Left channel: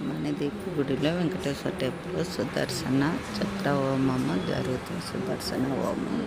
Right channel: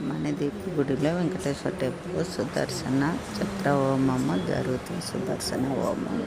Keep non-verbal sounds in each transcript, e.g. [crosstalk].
మణిదీప్ గుడిలో వెంకటేశ్వర టెంపుల్ సుదర్శన చక్ర హోమము జరుగుతుంది. సుదర్శన హోమం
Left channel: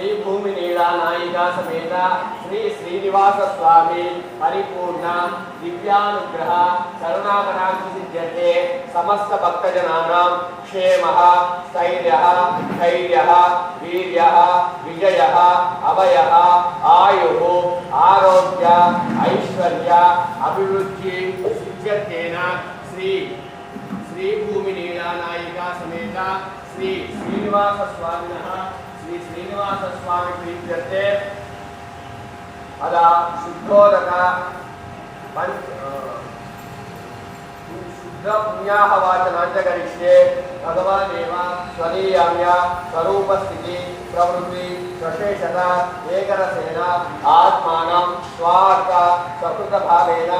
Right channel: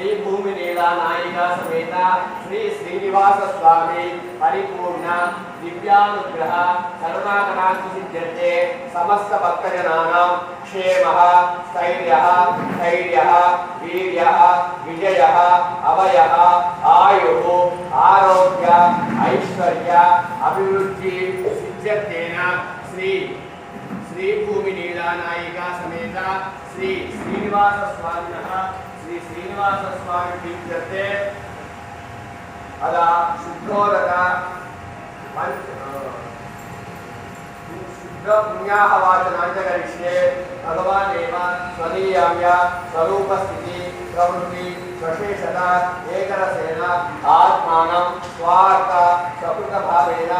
శ్రీ భూమి నీలా నాయిక సమేత శ్రీ శ్రీనివాస స్వామి పరిపూర్ణ దివ్యానుగ్రహ కరుణాకరాంతి సిద్ధ్యతే సమస్త భక్తజనానాం క్షేమ స్థైర్య ధైర్య వీర్య విజయ అభయ ఆయు ఆరోగ్య ఐశ్వర్య అభివృద్ధి సిద్ధ్యతేన శ్రీ శ్రీ భూమి నీలా నాయిక సమేత శ్రీ శ్రీనివాస స్వామిన స్వామి ప్రీత్యర్థే అలా శుద్ధోదక శుద్ధ పుణ్యాహ వాచనాంచ కరిష్యే భగవానేవ స్వనీయామ్య స్వరూపస్థితి ప్రవృత్తి స్వశేషత ఏకరసేన स्वशेषन एकरसेन आत्मानं स्वार्थ स्वकृतभावेन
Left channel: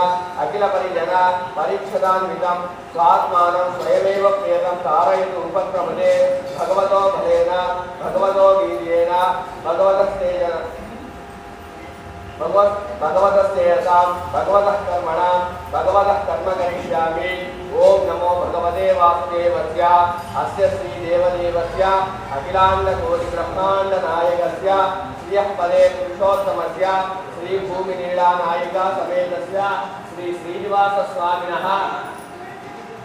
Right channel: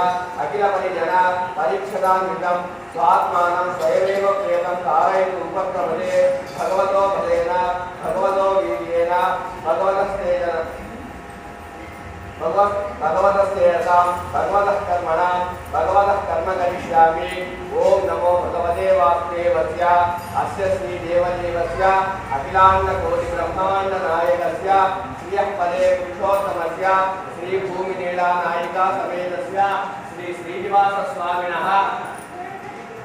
अखिलपरिजन परिच्छदान्वितं स्वात्मानं स्वयमेव प्रेतं कारयितु उपक्रमते भगवतो फलेन भगवतो वीर्येण भगवतस्तेन भगवत् भगवतस्तेजसां भगवतः कर्मणां भगवतः कर्म करिष्यामि ఓం నమో భగవదే భగవదేవాస్దేవస్య అస్య శ్రీ దేవదేవస్య అఖిలాండ కోటి బ్రహ్మాండ నాయకస్య శ్రియపదే పురుషోత్తమస్య శ్రీ భూమి నీడా నాయక సమేతస్య శ్రీ శ్రీనివాస స్వామిన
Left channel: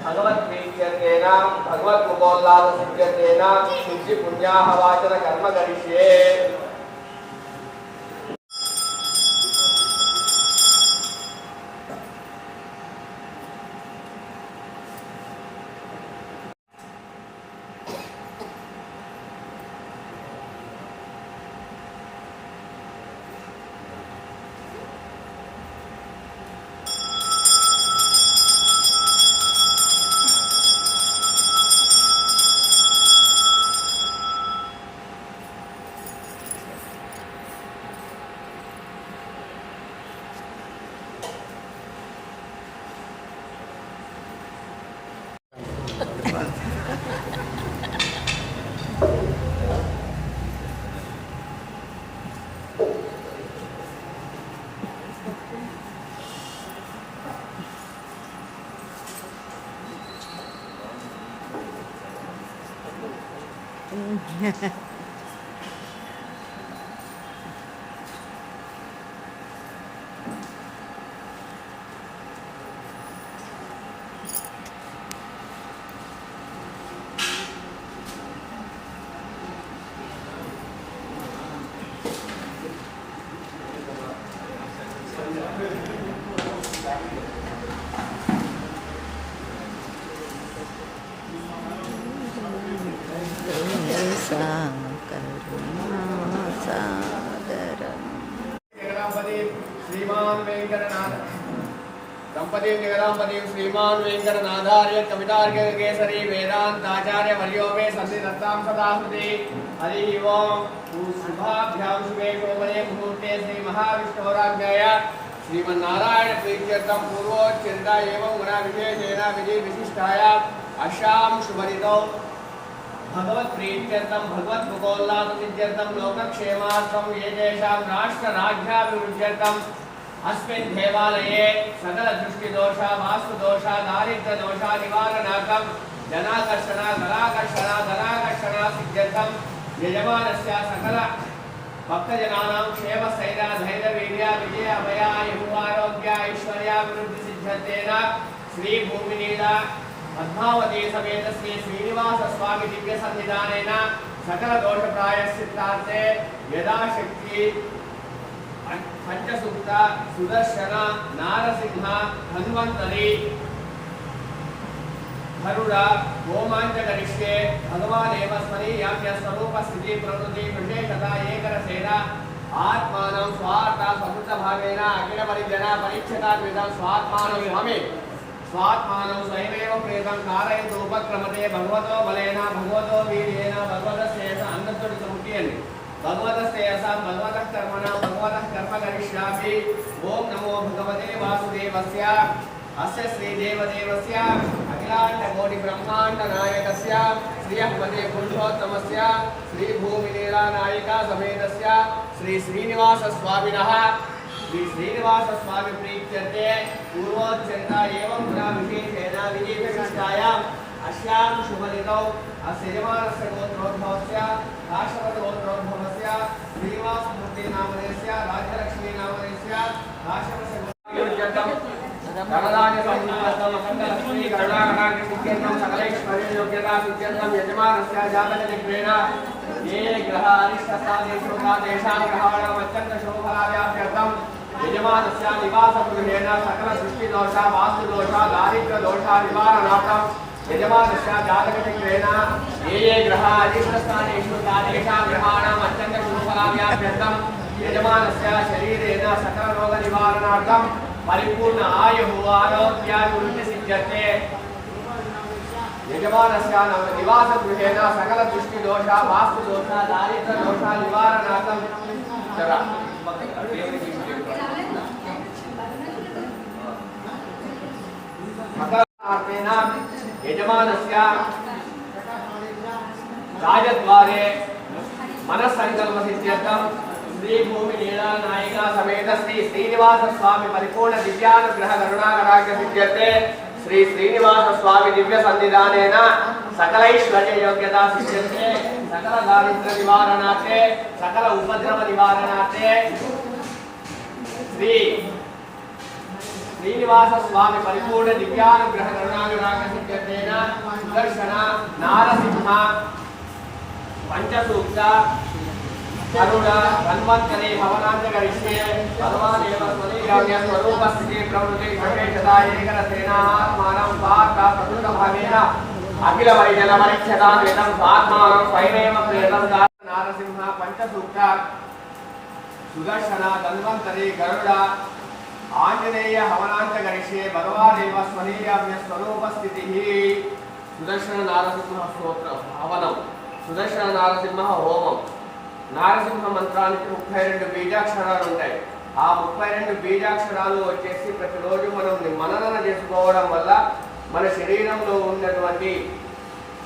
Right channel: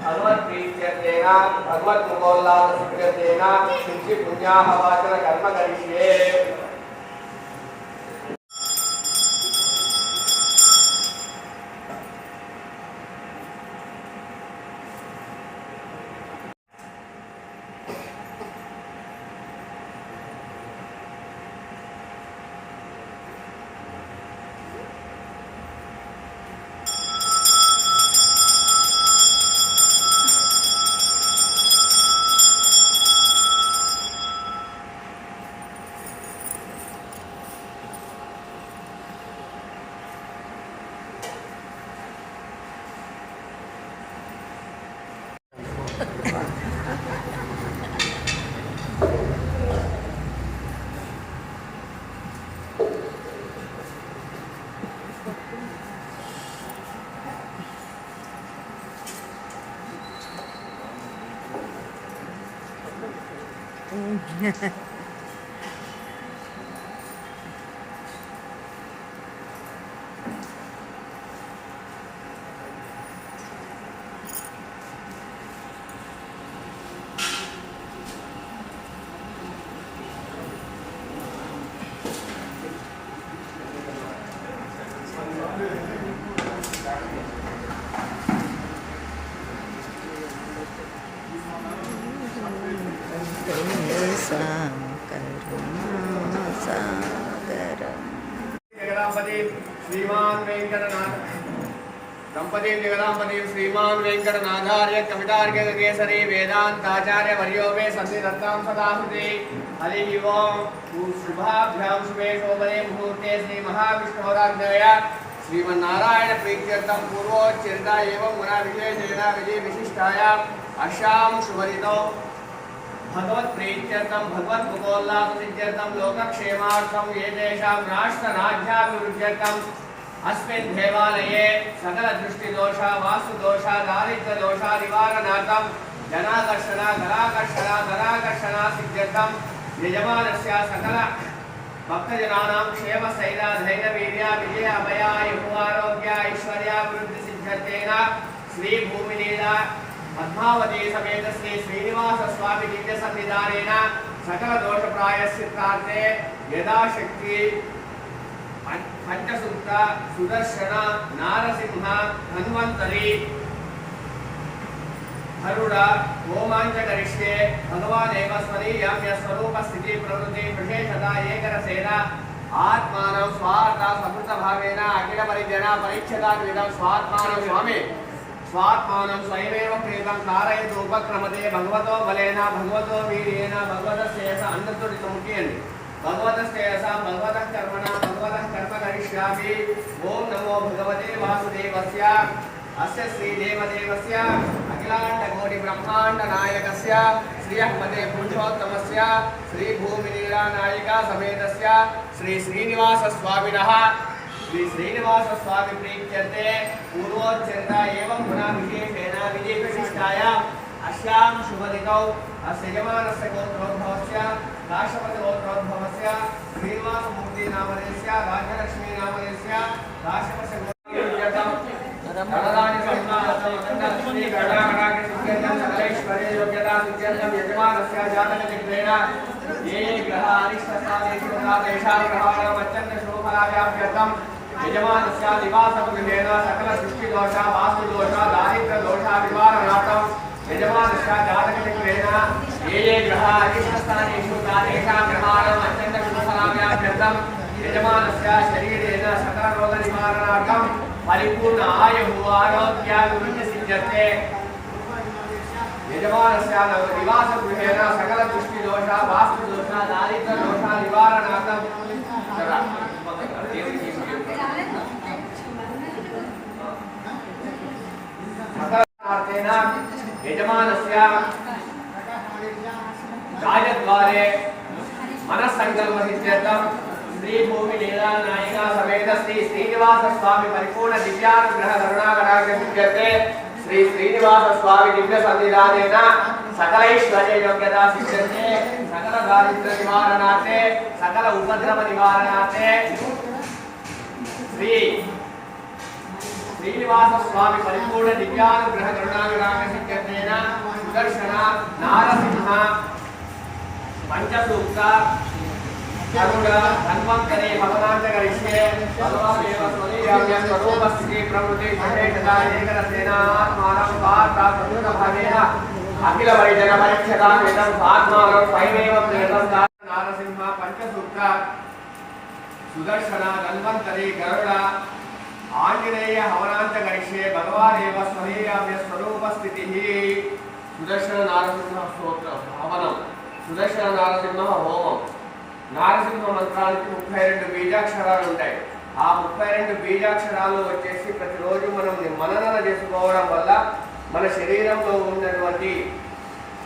భగవద్ప్రీత్యేన భగవద్ముఖోల్లాస సిద్ధ్యేన శుద్ధి పుణ్యాహ వాచన కర్మ కలిసే 嗯哈哈 जगपति जगदापति श्रीमान् वेङ्कटनाथार्य कवितार्गकेसरी वेदान्ताचार्य वर्यो मे हरि ओं शुभाभ्यां शुभे शोभने मुहूर्ते श्रीमहाविष्णोराज्ञाय श्रीमन्नारायणप्रीत्यर्थं पूर्वोच्चरिता एवं गुणाविशेषेण विधि विशिष्टाया अशां शुभरितौ भगवत्प्रीत्यर्थं भगवद्मुखोल्लाससिद्ध्यर्थं लोकक्षेमार्थं, एतेषां राष्ट्रराज्याभिवृद्ध्यर्थं। अस्मिन् देवालये सकलदृष्टिदोष वास्तुदोष दारिद्र्यदोष निवारणार्थं धनाकर्षण धराकर्षण धराकर्षण सिद्ध्यर्थं यजमानस्य सकल भक्तजनानां क्षेम स्थैर्य धैर्य वीर्य विजय अभय आरोग्य ऐश्वर्याभिवृद्धि सिद्ध्यर्थेन श्री भूमिनीला पद्मावती समेत श्री श्रीनिवास स्वामी दिव्य सन्निधानेन सकल दोष प्रायश्चित्तार्थे यदाशक्ति పంచసుక్త సుదర్శన నారసింహ ధన్వంతరి హరుడ హోమాంచకరిష్యే భగవానేవ స్మరీయామ్య స్వరూప స్థితి ప్రవృత్తి విశేషత ఏకరసేన ఆత్మానం స్వార్థ సమృద్ధ భావేన అఖిల పరిజన పరీక్షదాన్ స్వాత్మానం స్వామి. స్వాత్మానం స్వయమేవ ప్రేతం కారయతు ఉపక్రమతే భగవతో బలేన భగవతో వీర్యేన భగవత శ్రేయస అందరితోటి ముఖ్యండి భగవత శ్రేయసాం భగవత కర్మణ భగవత కర్మ కరిష్యామి ఓం నమో భగవతే వాసుదేవస్య అస్య శ్రీదేవదేవస్య అఖిలాండ కోటి బ్రహ్మాండ నాయకస్య శ్రీ అహ్మదే పురుషోత్తమస్య శ్రీ భూమిలీలా నాయికా సమేతస్య శ్రీ శ్రీనివాస స్వామినః శ్రీ శ్రీనివాస స్వామి ప్రీత్యర్థే పూర్వోచ్చరిత ఏవం పునః విశేషేణ విజయవిశిష్టాయాం అస్యాం శుభదినౌ అస్య యజమానస్య గోత్రోద్భవస్య కాశ్యపతి గోత్రోద్భవస్య శ్రీనివాసమూర్తి నామధేయస్య రాజ్యలక్ష్మీ నామధేయస్య కాశ్యపస్య గోత్రోద్భవస్య వరదాని సంప్రాప్తం అఖండ లక్ష్మీ కరుణాకటాక్ష సిద్ధ్యర్థం సకలైశ్వర్య యోగ్యతా సిద్ధ్యర్థం యజమానస్య జాతక దిగ్వేణ ఏ గ్రహ రాజద్వారే మనస్సంకల్ప సిద్ధ్యర్థం శ్రీ భూమి లీలా నాయిక సమేత శ్రీ శ్రీనివాస స్వామి పరిపూర్ణ దివ్యానుగ్రహ కరుణాకరాగ్ర సిద్ధ్యతే శ్రీ శ్రీనివాస స్వామి దివ్య సన్నిధానేన సకలైశ్వర్య యోగ్యత సిద్ధ్యతే. సకల దారిద్ర నివారణార్థే సకల ఉపద్రవ నివారణార్థే. శ్రీ శ్రీనివాస స్వామి పరిపూర్ణ దివ్యానుగ్రహ కరుణాకరాగ సిద్ధ్యతేన. సుదర్శన నారసింహ పంచసూక్త కరుణ ధన్వంతరే భవనాంతకరిష్యే భగవానేవ స్వలీయామ్య స్వరూప స్థితి ప్రవృతి సహేషద ఏకరసేన ఆత్మానం స్వార్థ ప్రకృత భావేన అఖిల పరిజన పరీక్షదాన్ వేదం స్వాత్మానం స్వయమేవ ప్రేతం నారసింహ పంచసూక్త సుదర్శన ధన్వంతరి గరుడ ఆంజనేయ హవనాంత గరిష్యే భగవానేవ స్వనీయామ్య స్వరూప స్థితి సుదర్శన నారసింహ స్తోత్రం హవనం. సుదర్శన నారసింహ హోమం. నారసింహ మంత్రానికి ముప్పై రెండు బీజాక్షరాలు ఉంటాయి. ఆ ముప్పై రెండు బీజాక్షరాలు వచ్చేసి ప్రతిరోజు మనం మననన చేసుకోవడం వల్ల మన శరీరంలో ఉన్నటువంటి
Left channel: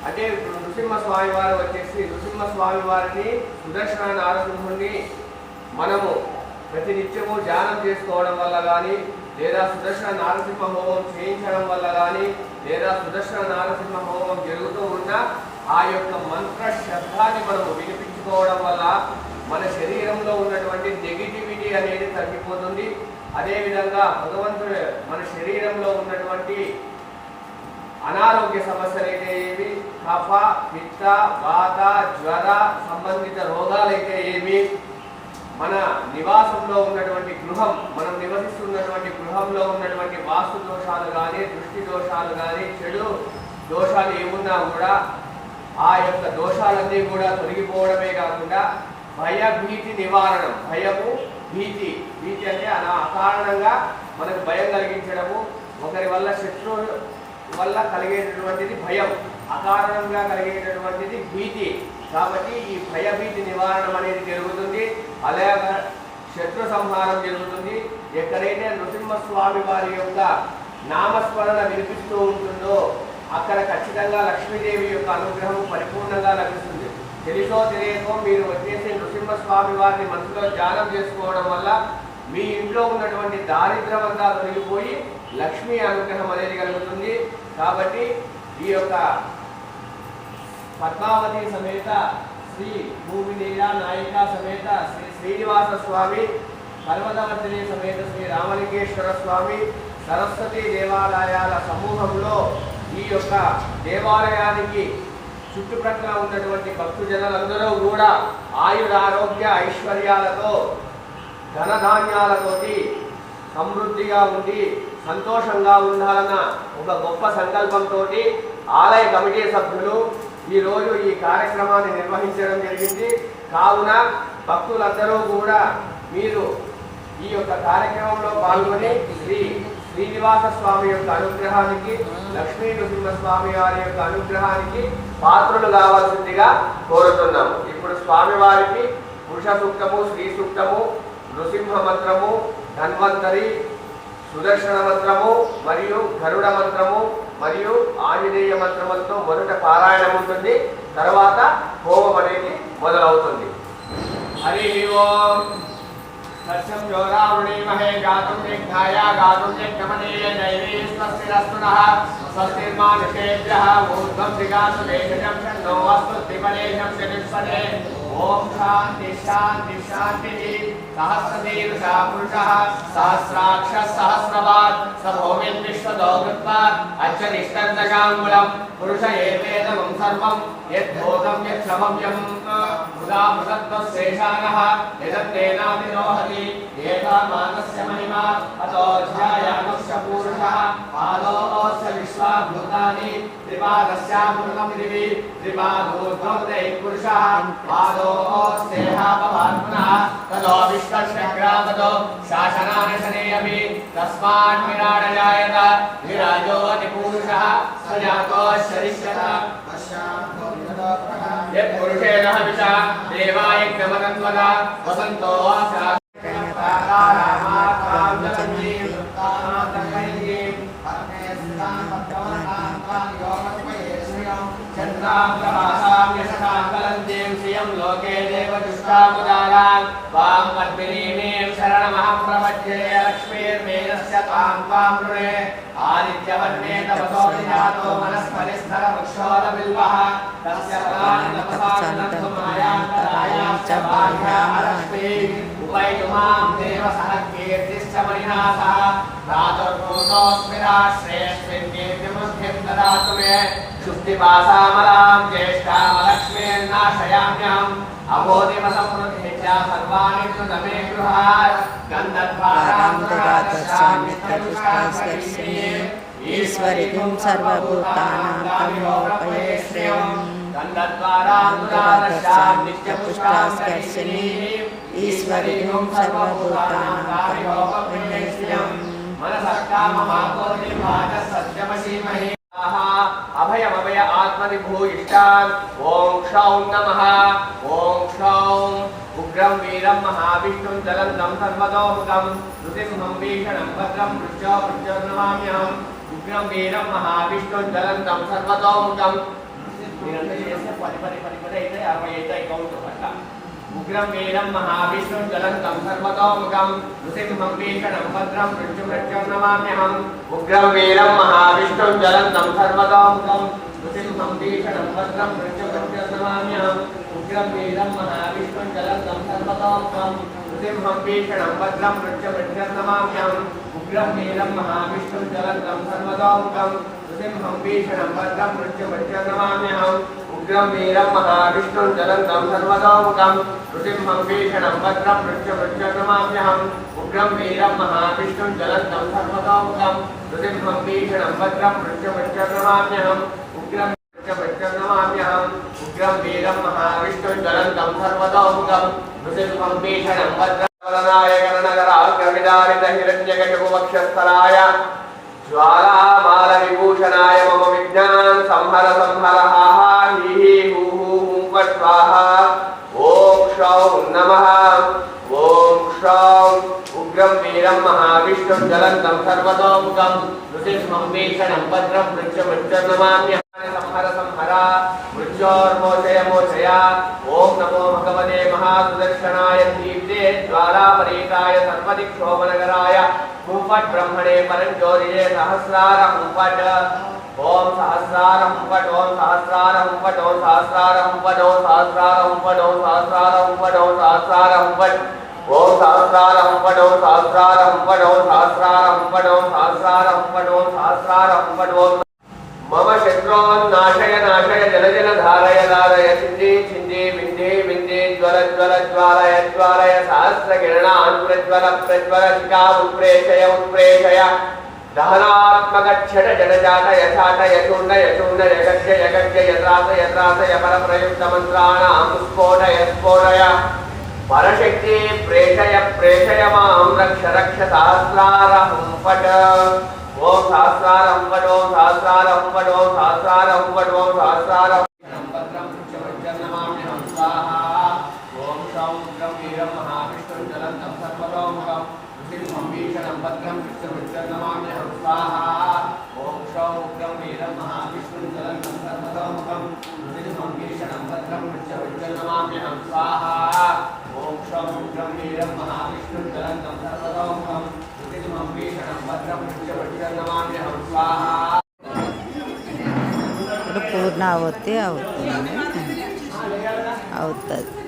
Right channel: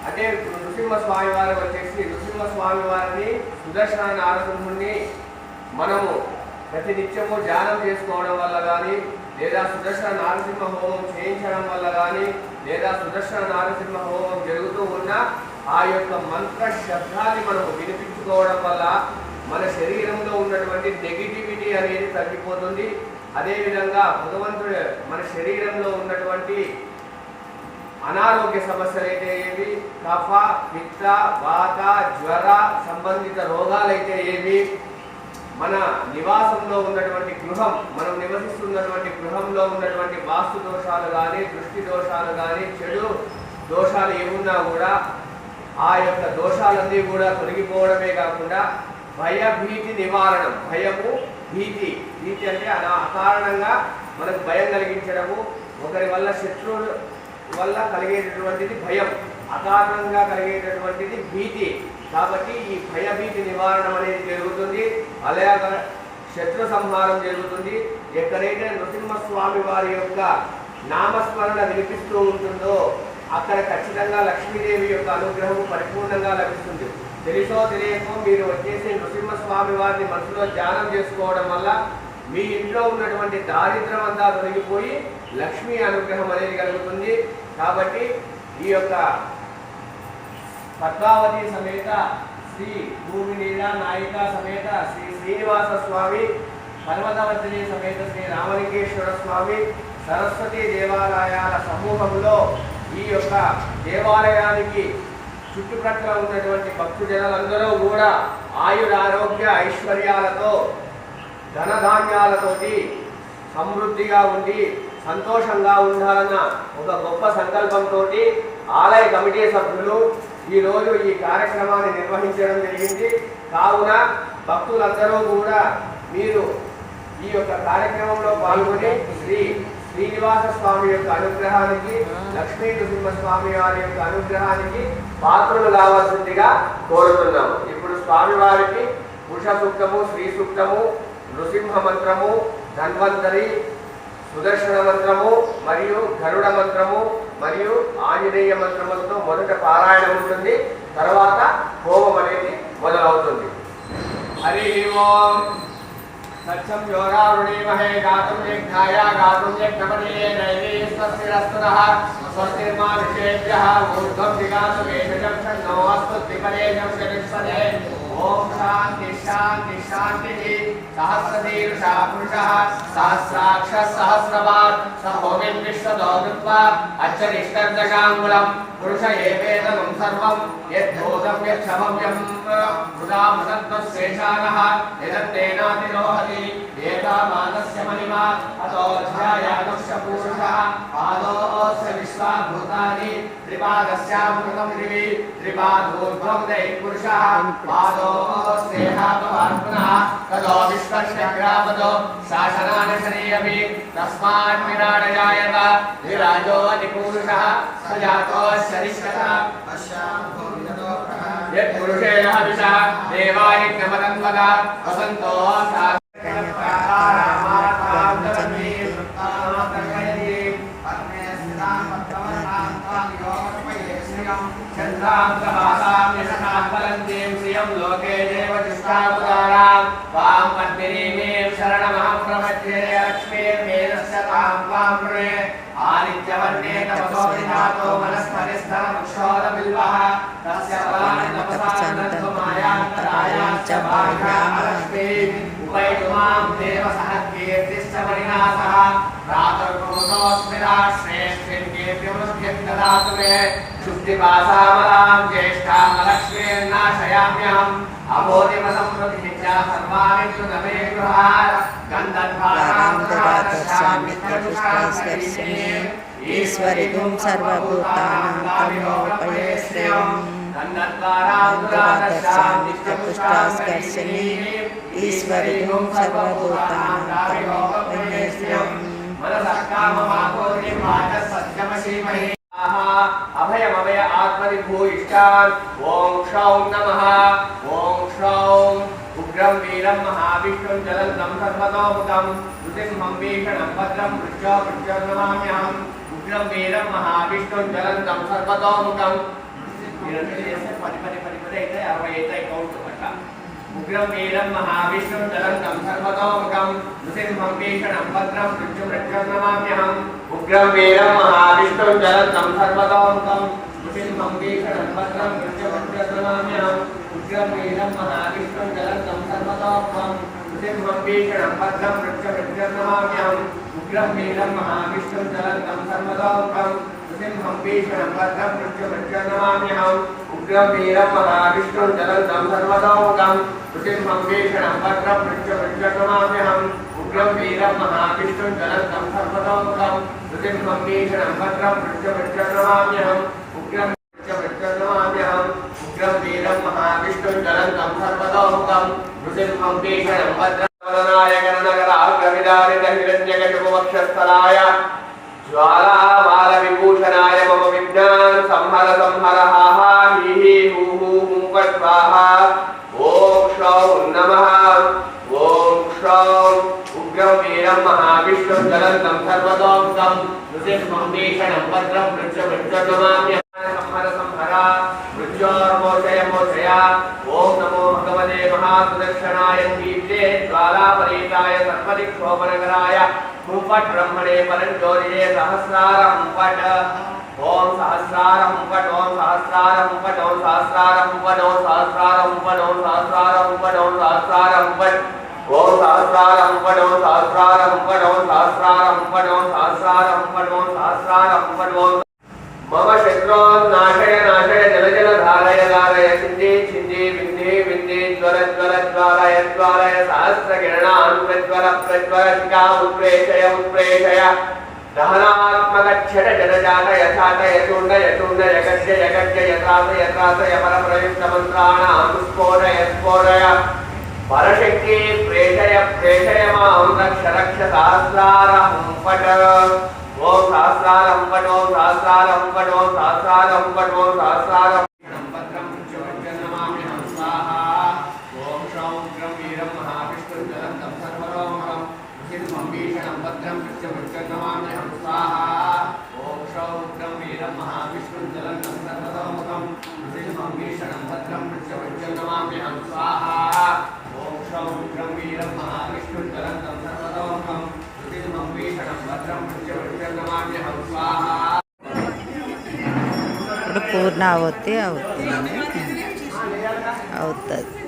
అంటే నృసింహ స్వామి వారు వచ్చేసి నృసింహ స్వామి వారిని సుదర్శన నారసింహుణ్ణి మనము ప్రతి నిత్యము ధ్యానం చేసుకోవడం వల్ల కానీ లేదా సుదర్శన నారసింహ హోమం చేయించడం వల్ల కానీ లేదా సుదర్శన నారసింహ హోమం జరుగుతూ ఉన్న ఆ యొక్క మంత్ర శబ్దాన్ని మనము వినిపించుకోవడం వల్ల మన శరీరంలో ఉన్నటువంటి నెగిటివిటీ అనేది తగ్గిపోతుంది. అదేవిధంగా భగవంతుడు మన శరీరంలో ఉన్నటువంటి అనారోగ్య సమస్యలు అయితే ఏవి? కఫ పిత్త వాత జ్వర సంబంధిత రోగాలైతే ఏవి? మన నివాసంలో ఉన్నటువంటి గృహం మనం నివసిస్తున్నటువంటి గృహంలో ఉన్నటువంటి వాస్తు దోషాలు కానీ దృష్టి దోషాలు కానీ చెడు దోషాలు ఏమున్నా కూడా ఆ యొక్క దోషాలన్నీ కూడా తొలగిపోవడమే కాకుండా భయ భీతి నివారణం. భయము భీతి. భీతి అంటే అలా అకారణంగా మనకు భయం కలిగించడము ఒకరి వల్ల శత్రువుల వల్ల కలిగేటటువంటిది భయం అకారణంగా కలిగేటటువంటిది భీతి. కాబట్టి ఈ భయభీతి నివారణం అనేది జరుగుతుంది. అలాగే శత్రు సంహారం జరుగుతుంది. ఎక్కడైతే నృసింహస్వామి వారి యొక్క నామస్మరణ వినిపిస్తూ ఉంటుందో అక్కడ ఖచ్చితంగా లక్ష్మీదేవి యొక్క అనుగ్రహం పరిపూర్ణంగా లభిస్తుంది. తెలుసో తెలియకో మీరు వచ్చేసి నృసింహస్వామి వారిని మనసులో ధ్యానం చేసుకోవడం వల్ల మీ ఇంట్లో ఉన్నటువంటి దారిద్ర్యం అంతా తొలగిపోయి లక్ష్మీ అనుగ్రహం అనేది కలుగుతుంది. కాబట్టి ఈ యొక్క పద్మావతి సమేత శ్రీ భూమి నీల నాయిక సమేత శ్రీ శ్రీనివాస స్వామి పర్వతవర్తిని సమేత శ్రీ రామలింగేశ్వర స్వామి సరస్వతి దేవాలయాల సమూహంలో ఈ యొక్క దేవాలయానికి చుట్టుపక్కల ఉన్నటువంటి భక్తు జనులందరూ కూడా ఆయురారోగ్య ఐశ్వర్యాలతో ధనధాన్యాలతోటి సమృద్ధిగా ఉండి సంతోషంగా ఉండాలన్న ఒక గొప్ప సంకల్పంతో ఆలయ కమిటీ సభ్యులు ఈ రోజు ఈ కార్యక్రమాన్ని నిర్వహించడం జరిగింది. కావున భక్తులందరూ కూడా మీరు ఈ యొక్క కార్యక్రమంలో పాల్గొని శ్రీ శ్రీనివాస స్వామి యొక్క అనుగ్రహానికి లక్ష్మీ నృసింహ స్వామి వారి యొక్క అనుగ్రహానికి పాత్రులు కావాల్సిందిగా కోరుతున్నాము. ఇప్పుడు స్వామి వారికి పురుష సూక్తము శ్రీ సూక్తము నృసింహ మంత్రము ధన్వంతరి సుదర్శన మంత్రము మరియు గరుడ మంత్రము మరియు ఆంజనేయ మంత్రములతో మొదట పారాయణం ఉంటుంది. తర్వాత హోమం అనేది మొదలవుతుంది. హరి ఓం. दक्षम योगारुणीमहे गातुं यज्ञाया गातुं यज्ञपदेय नैवेस्तस्यरस्तुनः स्वस्तिर्मानुषेभ्यः ऊर्ध्वं दिगासु वेदजं षण्णो अस्तु त्रिपदेशं चतुष्पदे। ओम शांति शांति शांति सहस्रदेव सा पुरुषः सहस्राक्ष सहस्रवाट सभोगिं विश्वदौगित्वा अक्षरिष्टन्दशाङ्गुलम् पुरुष एवेदं सर्वं यद्भूतं यक्षमं यं मृदामृतत्वशेषाणः यदत्तेनातिरोहति एता मानस्य महिमा अतो ध्यायामस्य पुरुषः आलोस्य विश्वाभूतानि त्रिपादस्यामुखम् दिवि त्रिपादोद्भवते पुरुषः, पादो स्नेहापवात्मनः ततो विश्वशग्रापतो शासनानशनेऽपि तस्मात् विराडजायत, विराजो निपुरुषः स जातो सरिष्यता यत्पुरुषेण हविषा, देवाय क्रमतं वद वसन्तो सा వాం అద్మిరీమేం శరణమహం ప్రవచ్యే లక్ష్మీర్మేనస్య తాం త్వాం వృణే ఆదిత్యవర్ణే తపసో విధాతో మనస్పరిస్థర వృక్షోర బిల్వః తస్య ఫలాన్ని తపసానంతరాయం చ బాహ్యాః ఉపైతుమాం దేవ సహ కీర్తిశ్చ పరిణాసः ప్రాతర్భూతోస్మిరాశ్రేష్ఠిం ददातु मे शुद्धिपासामरां ज्येष्ठामलक्ष्मीर्नाशयाम्यहम्। अबोधिमसंप्रतिज्ञा सर्वाणि कृतमे गृहार गन्धर्वारां तदातत्सान्नित्यपुष्टास्कर्षिणे श्रीमहे अभयमभय आत्मविभो इष्टाम् ॐ क्षौं नमः। ॐ क्षौं उग्रं, वीरं, महाविष्णुं, जलन्तं, सर्वतोमुखं। नृसिंहं, भीषणं, भद्रं पृष्ठो पृष्ठो नमाम्यहम्। उग्रं, वीरं, महाविष्णुं, जलन्तं सर्वतोमुखं उग्रम वीरम महाविष्णुं तलं तं सर्वतोमुखं नृसिंहं भीषणं भद्रं मृत्युमृत्युं नमाम्यहम्। उग्रं महाविष्णुं तलं तं सर्वतोमुखं नृसिंहं भीषणं भद्रं मृत्युमृत्युं नमाम्यहम्। उग्रं महाविष्णुं तलं तं सर्वतोमुखं नृसिंहं भीषणं भद्रं मृत्युमृत्युं नमाम्यहम्। उग्रं महाविष्णुं तलं तं सर्वतोमुखं नृसिंहं भीषणं भद्रं मृत्युमृत्युं नमाम्यहम्। उग्रं महाविष्णुं तलं तं सर्वतोमुखं ृतिम्बेषणम्भद्रमृत्यवृत्यतमाम्यहम् उग्रं वीरं महाविष्णुं जलद्धं सर्वतोमुखं। पट ब्रह्मणे परञ्जोर्ये सहस्रारं पट ॐ सहस्रारं पट ॐ सहस्रारं पट ॐ सहस्रारं पट ॐ सहस्रारं पट ॐ सहस्रारं पट ॐ सहस्रारं पट ॐ सहस्रारं पट ॐ सहस्रारं पट ॐ सहस्रारं पट ॐ सहस्रारं पट ॐ सहस्रारं पट ॐ मम शत्रून् नाशय नाशय जल जल धारय धारय सिद्धि सिद्धि ज्वलज्वलज्वालय ज्वालय सहस्रकिरणान् प्रज्वल प्रज्वलशिखां प्रेषय उत्प्रेषय दहनात्मकच्छटजनजातय सातय कुर्णय कुर्णय गद्य यगद्य यत्रास यत्रास यपरप्रयुक्तमन्त्राणां स्फोटय स्फोटय परशक्ति प्रेषय प्रेषय मां रक्ष रक्ष सहस्रारहुम्पट ॐ सहस्रारहुम्पटो सहस्रारहुम्पटो सहस्रारहुम्पटो सहस्रार ఇప్పుడు పూర్ణ అవుతే అవుతుంది. అవుతుంది.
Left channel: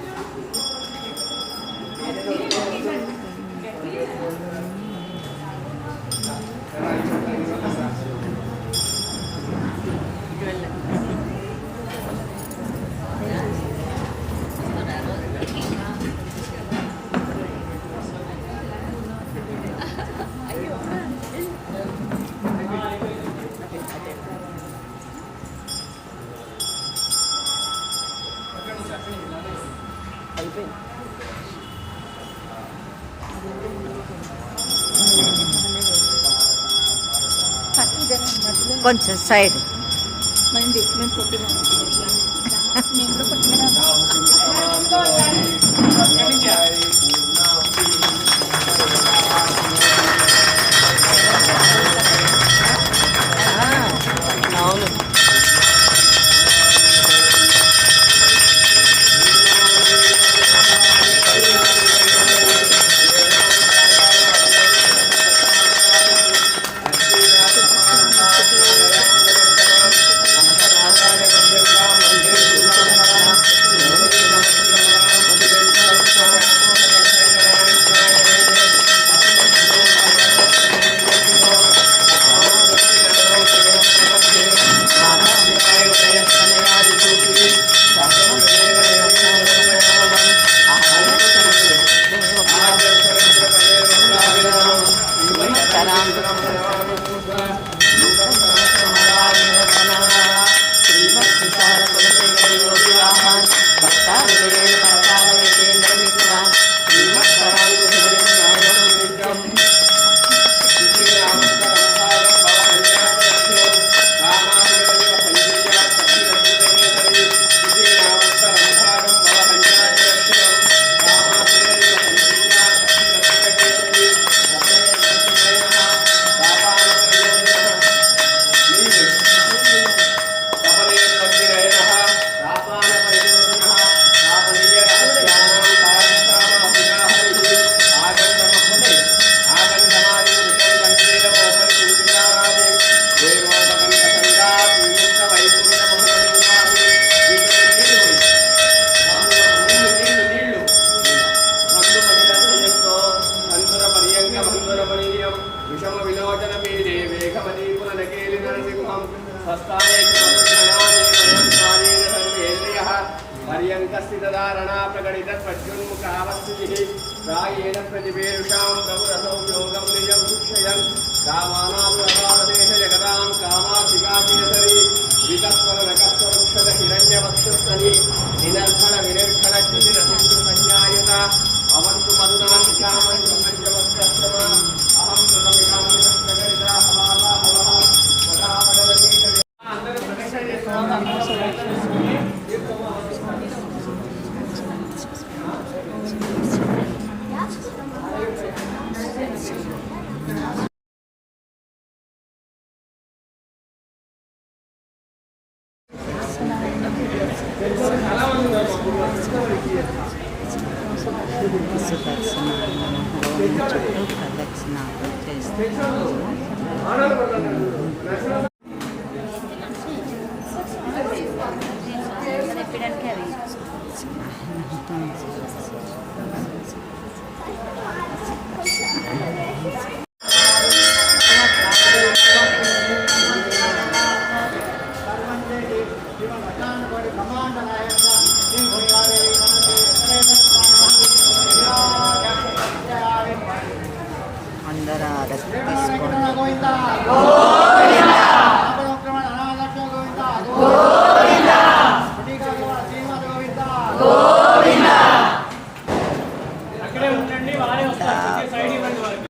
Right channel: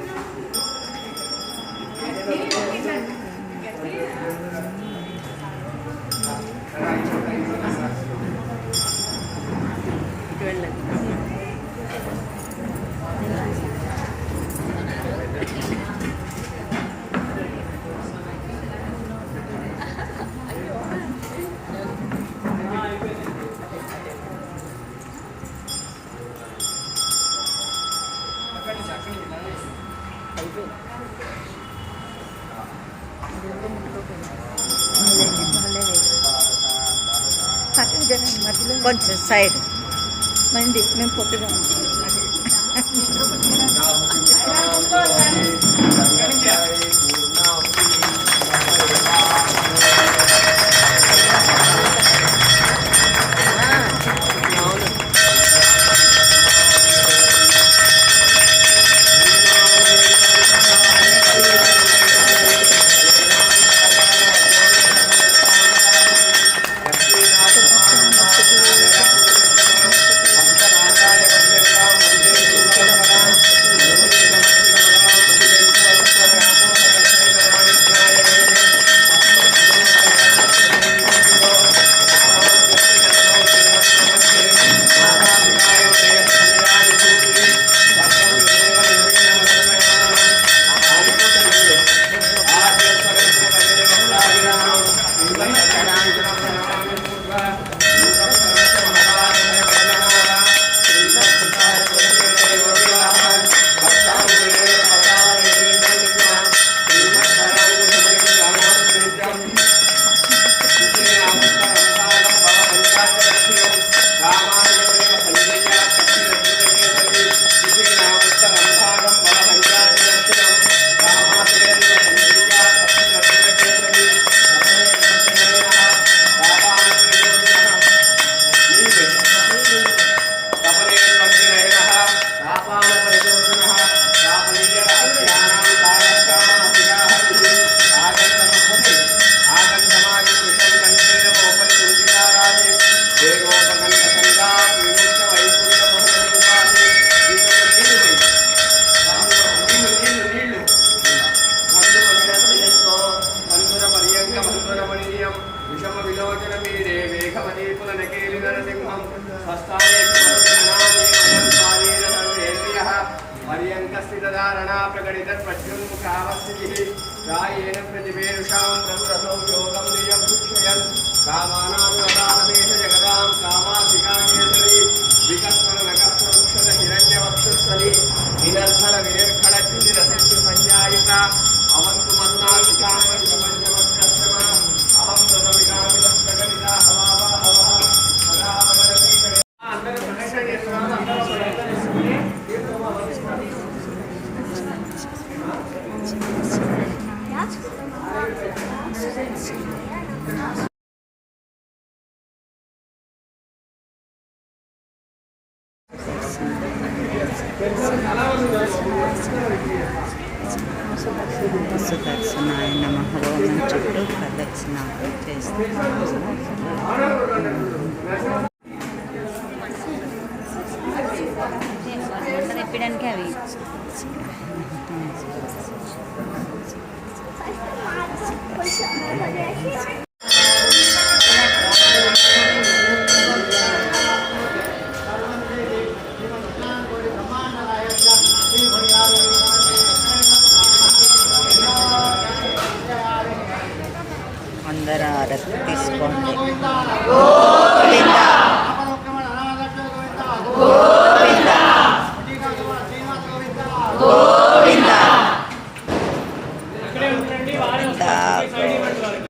కొంచెం సైడ్. నండి నేను పొట్టిగా విషమ [laughs] [laughs] रायेण प्रतिवेषां प्रभुरसौ योगं निजं शिक्षयन् रामा